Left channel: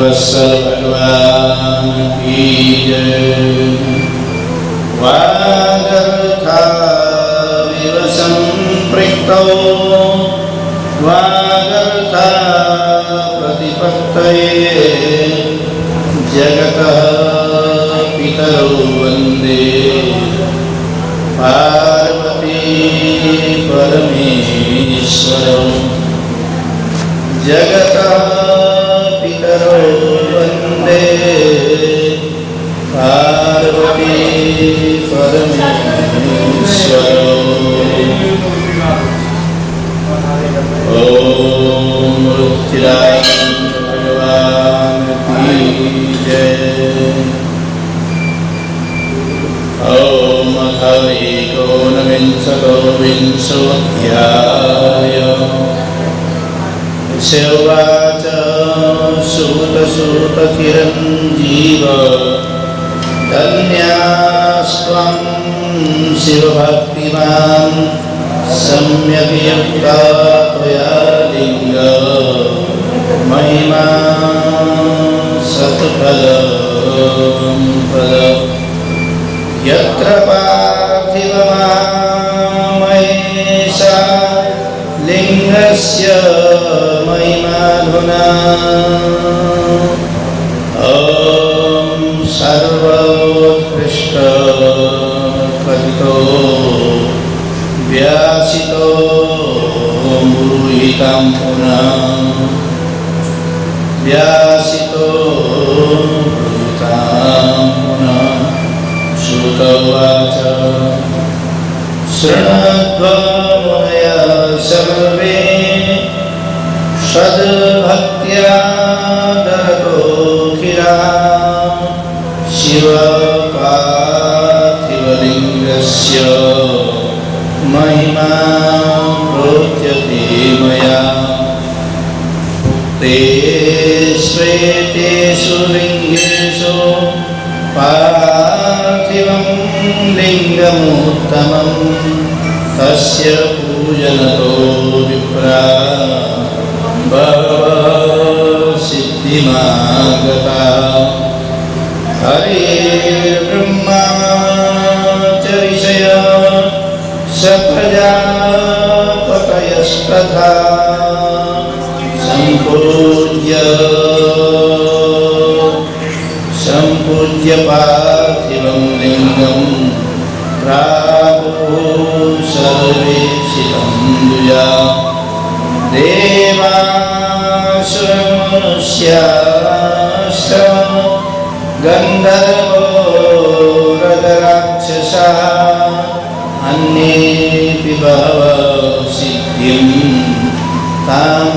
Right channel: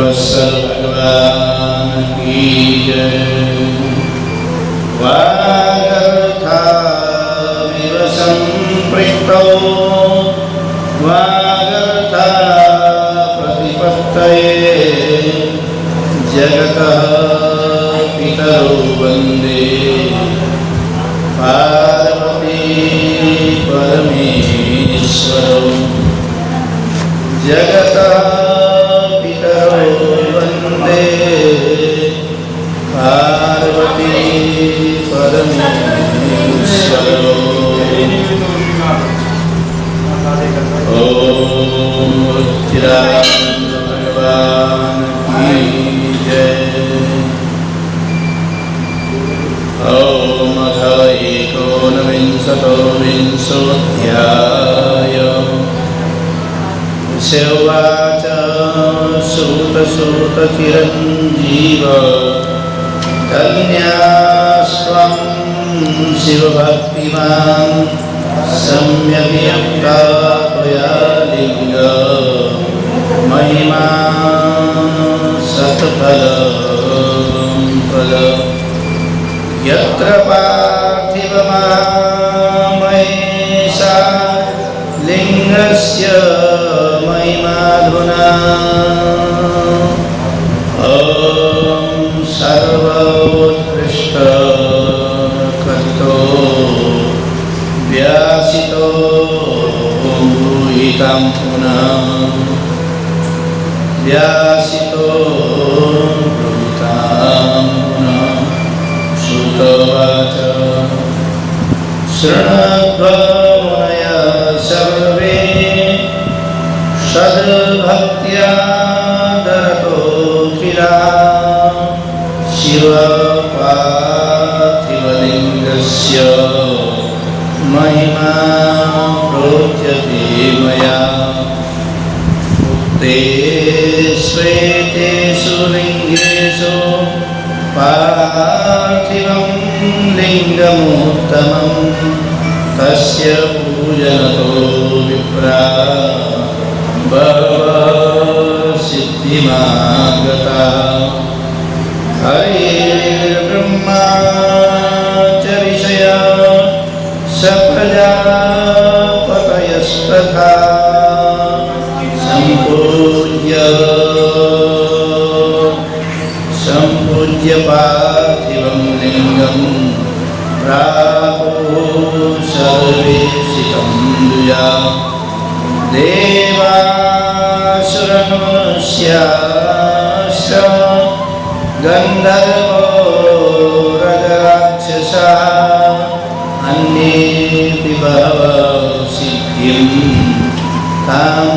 भगवत्सर भगवान की जय। वागर्थाविव सम्पृक्तौ वागर्था प्रतिपत्तये जगतः पितरौ वन्दे पार्वती परमेश्वरौ। जगतः पितरौ वन्दे पार्वती परमेश्वरौ। ओम भगवान की जय। ओम एकोनविंशोऽध्याय। उवाच सूतसूतचिरञ्जीव धन्यास्त्वं शिवभक्तिमान् सम्यग् त्वया लिङ्ग महिमा सत्फलप्रद। यत्र पार्थिवमामहेशा लिङ्गस्य महिमाधुना ॐ सर्वोत्कृष्टकथितो व्यासितो ब्रूहितं पुनः व्यासितो ब्रूहितं पुनः। श्रुत उवाच शृण्वन्वया सर्वे सद्भक्त्या दरतो किला शिवपार्थिवलिङ्गस्य महिमा प्रोच्यते मया। उक्ते श्वेतेषु लिङ्गेषु पार्थिवं लिङ्गमुत्तमं तस्य पूजनतो विप्रा सिद्धिमागता। हरिर्ब्रह्मा च ऋषयः स प्रजापतयस्तथा सम्पूज्य पार्थिवं लिङ्गं प्रापुः सर्वेशितं दुजा। देवासुरमनुष्याश्च गन्धर्वो राक्षसाः अन्येऽपि बहवः सिद्धिं तां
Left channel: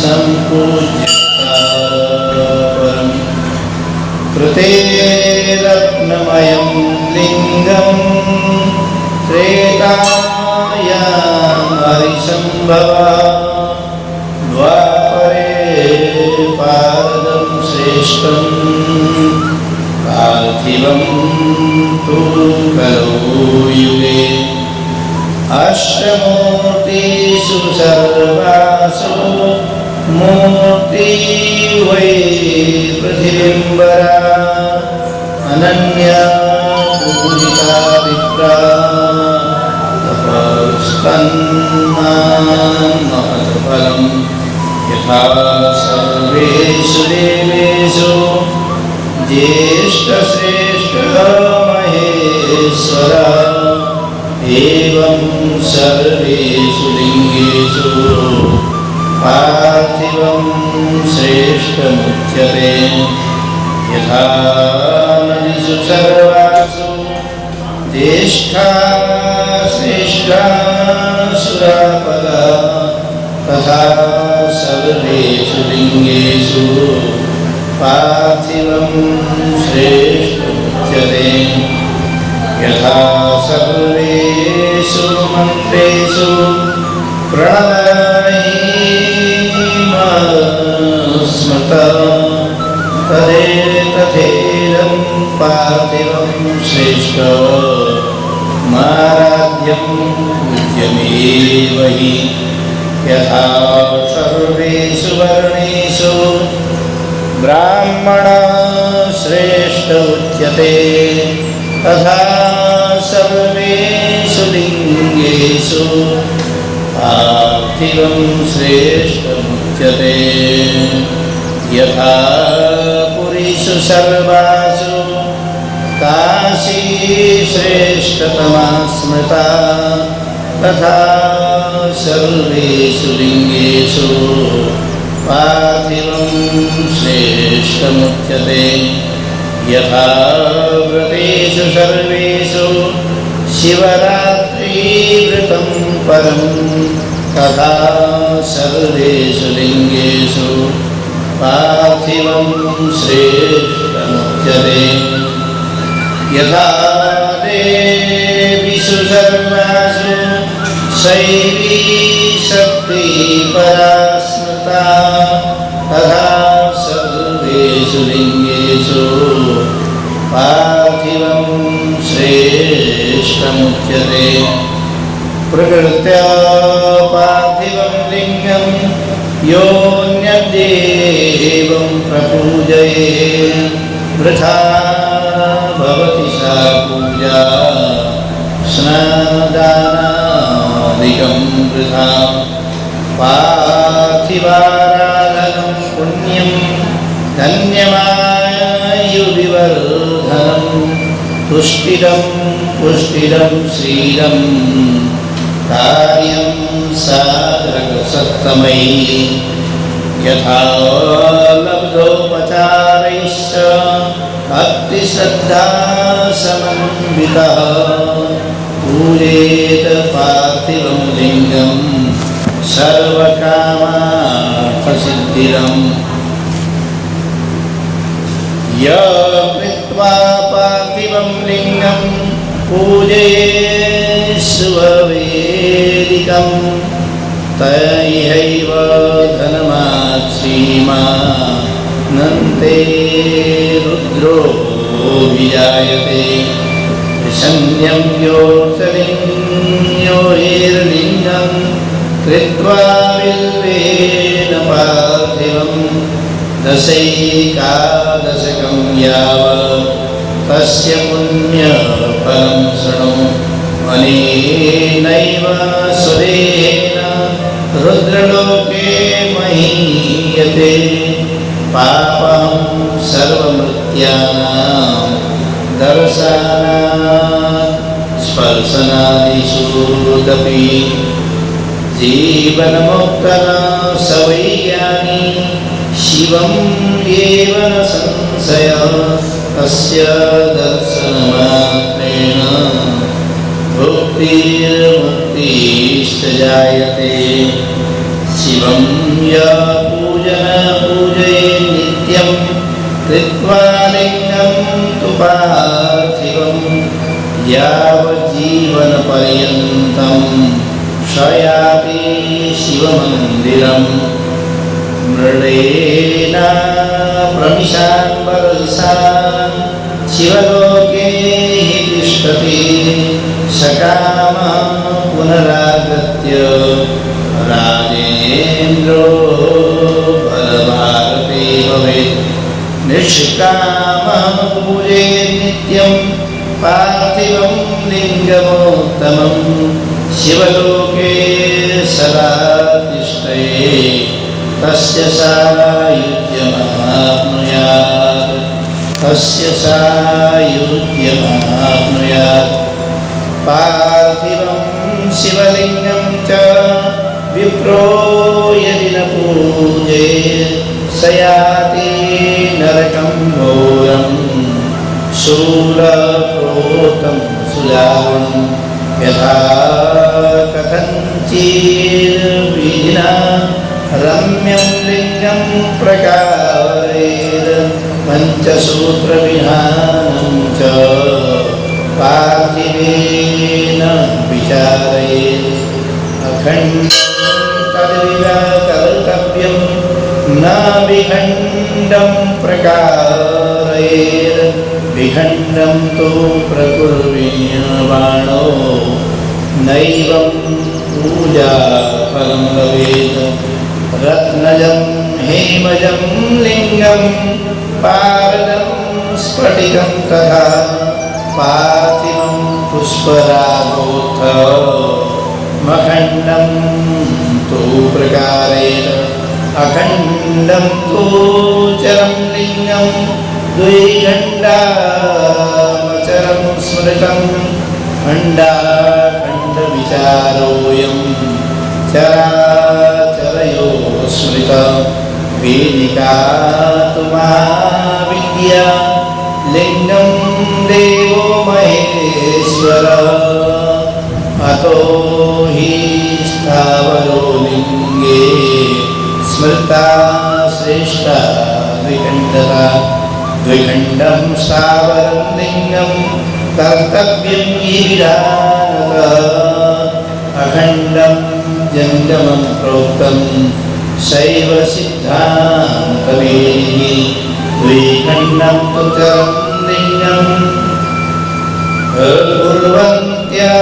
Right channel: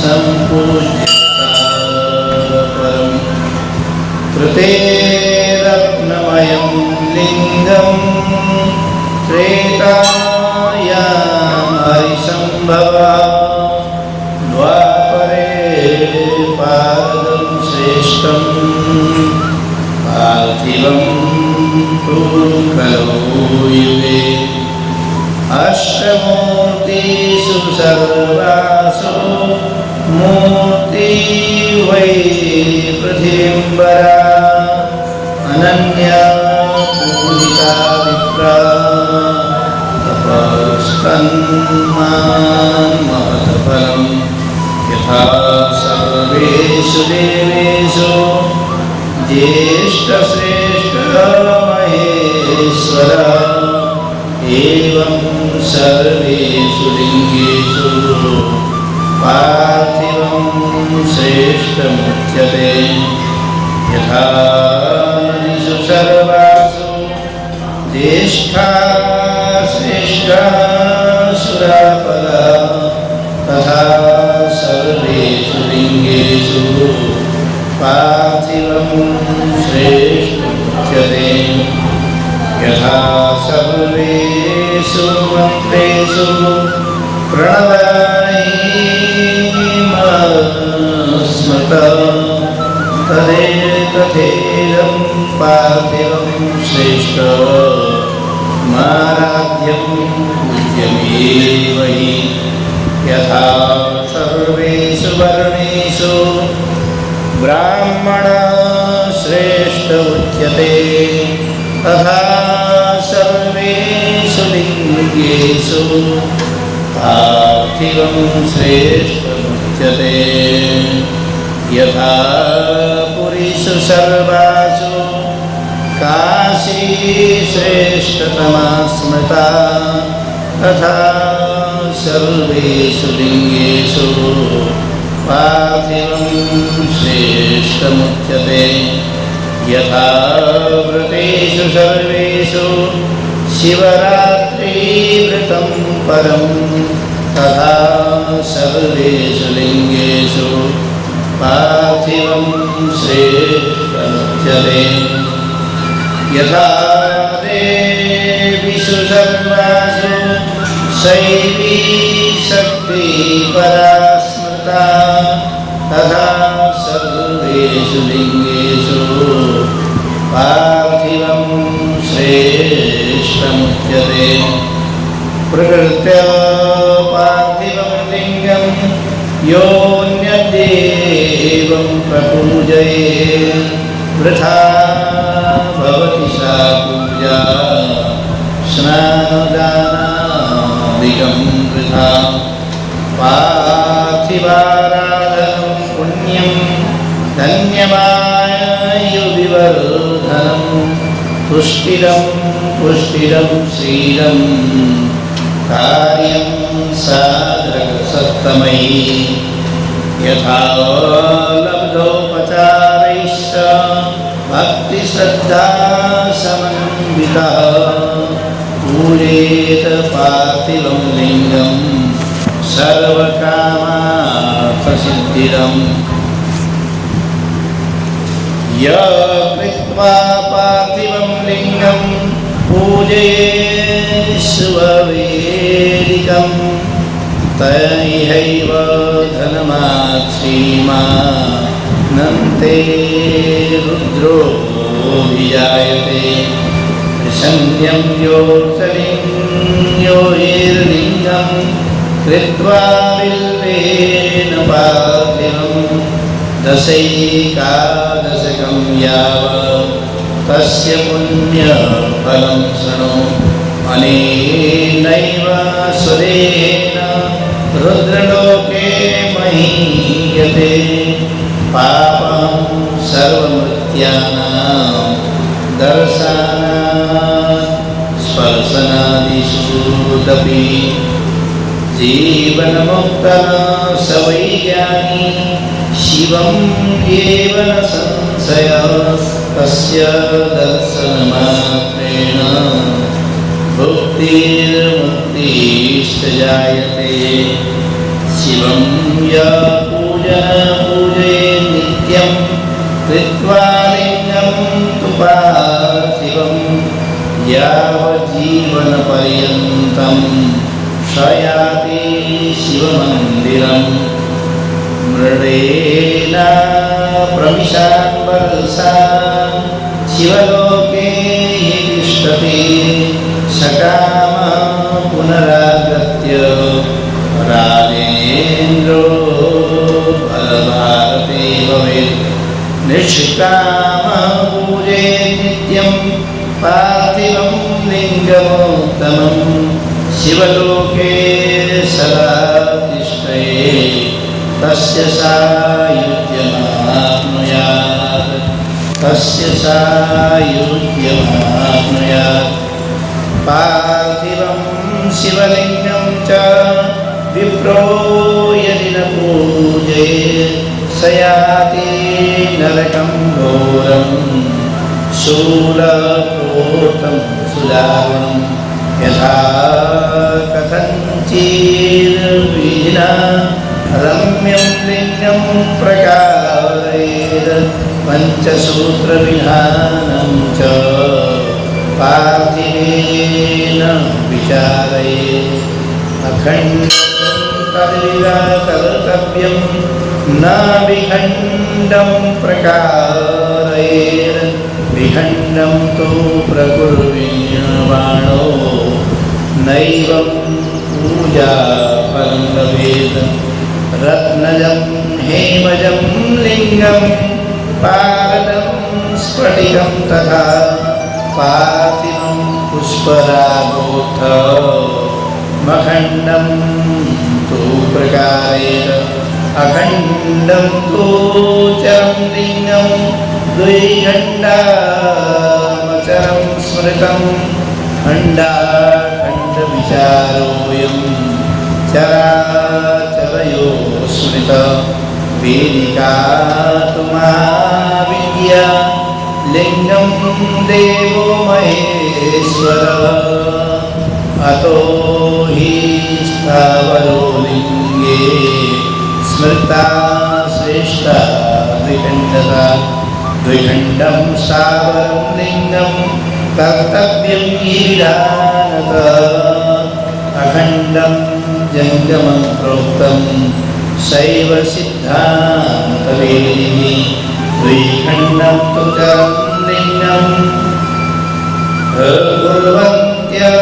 सम्पूज्य परम्। कृते रत्नमयं लिङ्गं त्रेतायां हरिसम्भवा द्वापरे पादं श्रेष्ठं पार्थिवं तु खलु युगे। अष्टमूर्तिषु सर्वासु मूर्ति वै पृथिवीम्बरा अनन्या पूजिता विप्रा तपस्कन्मान् महत्फलं। यथा सर्वेषु देवेषु ज्येष्ठश्रेष्ठमहेश्वरा एवं सर्वेषु लिङ्गेषु पार्थिवं श्रेष्ठमुच्यते। यथा नदीषु सर्वासु ज्येष्ठा श्रेष्ठा सुरापदा तथा सर्वेषु लिङ्गेषु पार्थिवं श्रेष्ठमुच्यते। यथा सर्वेषु मन्त्रेषु प्रणवामि तथेदं पार्थिवं श्रेष्ठमाराध्यं पूज्यमेव हि। यथा सर्वेषु वर्णेषु ब्राह्मणश्रेष्ठ उच्यते तथा सर्वेषु लिङ्गेषु पार्थिवं श्रेष्ठमुच्यते यथा पुरीषु सर्वासु काशी श्रेष्ठतमा स्मृता तथा सर्वेषु लिङ्गेषु पार्थिवं श्रेष्ठमुच्यते यथा व्रतेषु सर्वेषु शिवरात्रिव्रतं परं तथा सर्वेषु लिङ्गेषु पार्थिवं श्रेष्ठमुच्यते यथा देवीषु सर्वासु शैवी शक्ति परा स्मृता तथा सर्वेषु लिङ्गेषु पार्थिवं श्रेष्ठमुच्यते प्रकृत्या पार्थिवं लिङ्गं योऽन्यदेवं प्रपूजये वृथा भवति सा पूजा स्नानदानादिकं वृथा पार्थिवाराधनं पुण्यं धन्यमायुविवर्धनं तुष्टिरं पुष्टिरं श्रीरं कार्यं साधकसत्तमयि यथा लब्धोपचारैश्च भक्तिश्रद्धा समन्वितः पूजेत पार्थिवं लिङ्गं सर्वकामार्थसिद्धिदम् यत्वा पार्थिवं लिङ्गं पूजयेष्ववेदिकं तैहैव धनमाक्षीमानन्ते रुद्रो विजायते संज्ञं योऽर्लिङ्गं कृत्वा बिल्वेन पार्थिवं दशैकादशकं यावत् तस्य पुण्यफलं शृणु अनेनैव स्वदेहेन रुद्रलोके महीयते पापं सर्वमृत्यानां दर्शनात् स्पर्शनादिषु जीवन्मुक्तः स वै ज्ञानी शिवम् एव न संशयः तस्य दर्शनमात्रेण भुक्तिर्मुक्तिश्च जायते शिवं यः पूजयेत् नित्यं कृत्वा लिङ्गं तु पार्थिवं यावज्जीवनपर्यन्तं शयाति शिवमन्दिरम् मृडेन प्रविशान् वरसा शिवलोके तिष्ठति सकामः पुनरागत्य राजेन्द्रो बलभारते भवेत् निष्कामः पूजयेत् नित्यं पार्थिवं लिङ्गमोत्तमं शिवलोके सदा तिष्ठेत् तस्य सायुज्यमाप्नुयात् तस्य सायुज्यमाप्नुयात् पार्थिवं शिवलिङ्गं च विप्रो यदि न पूजयेत् स याति नरकं घोरं शूलप्रोक्तं सुदारुणं यथा कथञ्चिद्विधिना रम्यं लिङ्गं प्रकारयेत् पञ्चसूत्रविधानं च पार्थिवेन विचारयेत् अखण्डं तदैव कर्तव्यं न विखण्डं प्रकारयेत् विखण्डं तु प्रकुर्वीर्यमाणो नैवं पूजा परं भवेत् रत्नजं हेमजं लिङ्गं पारदं स्फटिकं तथा पार्थिवं पुष्परागोत्थ मखण्डं तु प्रकारेण अखण्डं तु चरं लिङ्गं द्विखण्डामचरं स्मृतं खण्डाखण्डविचारोऽयं चराचरयोः स्मृता वेदिका तु महाविद्या लिङ्गं देवो महेश्वर अतो हि स्थावरो लिङ्गे स्मृता श्रेष्ठा द्विखण्डता द्विखण्डं स्थावरं लिङ्गं कर्तव्यं गिरिधानतः अखण्डं जङ्गमं प्रोक्तं शैव सिद्धान्तवेदिनी द्विखण्डं तु चरं लिङ्गं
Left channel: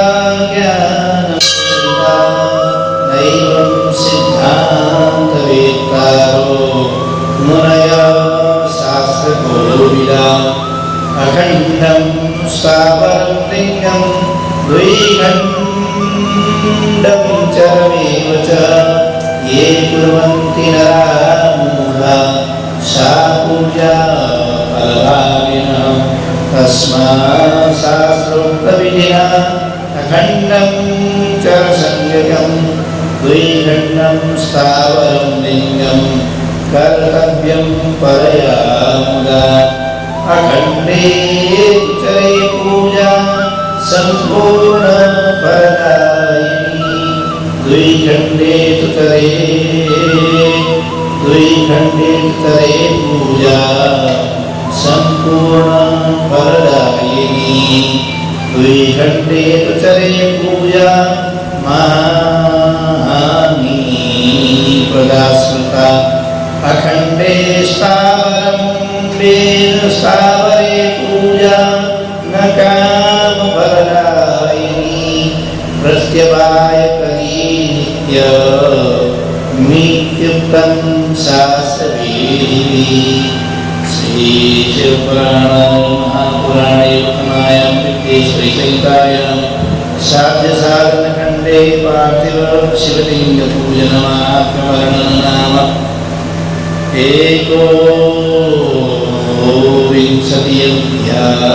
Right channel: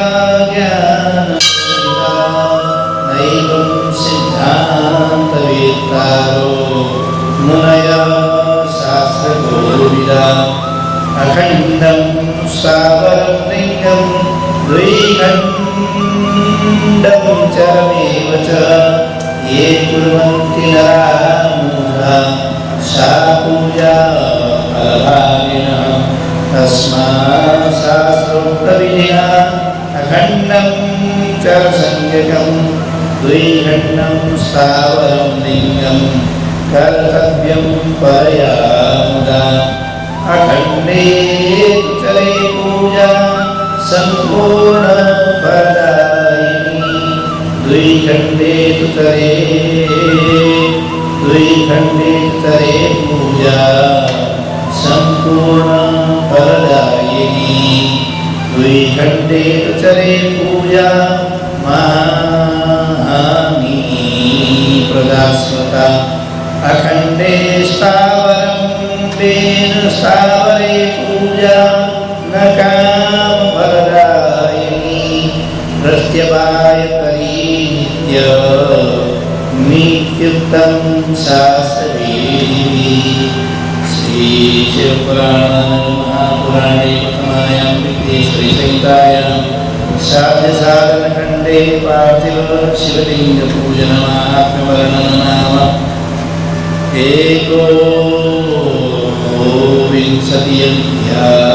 कुर्वन्त्याज्ञानं नैवं सिद्धान्तवेत्तारो मुनयः शास्त्रकोविदा अखण्डं स्थावरं लिङ्गं द्विखण्डं चरमेव च ये कुर्वन्ति नराः मूढा सा पूजा फलभागिनः तस्मात् शास्त्रोक्तविधिना अखण्डं चरसंज्ञकं द्विखण्डं स्थावरं लिङ्गं कर्तव्यं परया मुदा अखण्डे तु चरे पूजा सम्पूर्णफलदायिनी द्विखण्डे तु चरे पूजा सम्पूर्णफलदायिनी द्विखण्डे तु चरे पूजा माहानी प्रदास्मता अखण्डे स्थावरं वेद स्थावरे पूजा न कामफलदायिनी प्रत्यपायकरी नित्युक्तं शास्त्रवेदिनी श्रीशिवपुराणे महापुराणे श्रीशङ्करायां साध्यसाधनखण्डे पार्थिव शिवलिङ्गपूजनमात्मवर्णननाम एकोविंशति अध्यायः।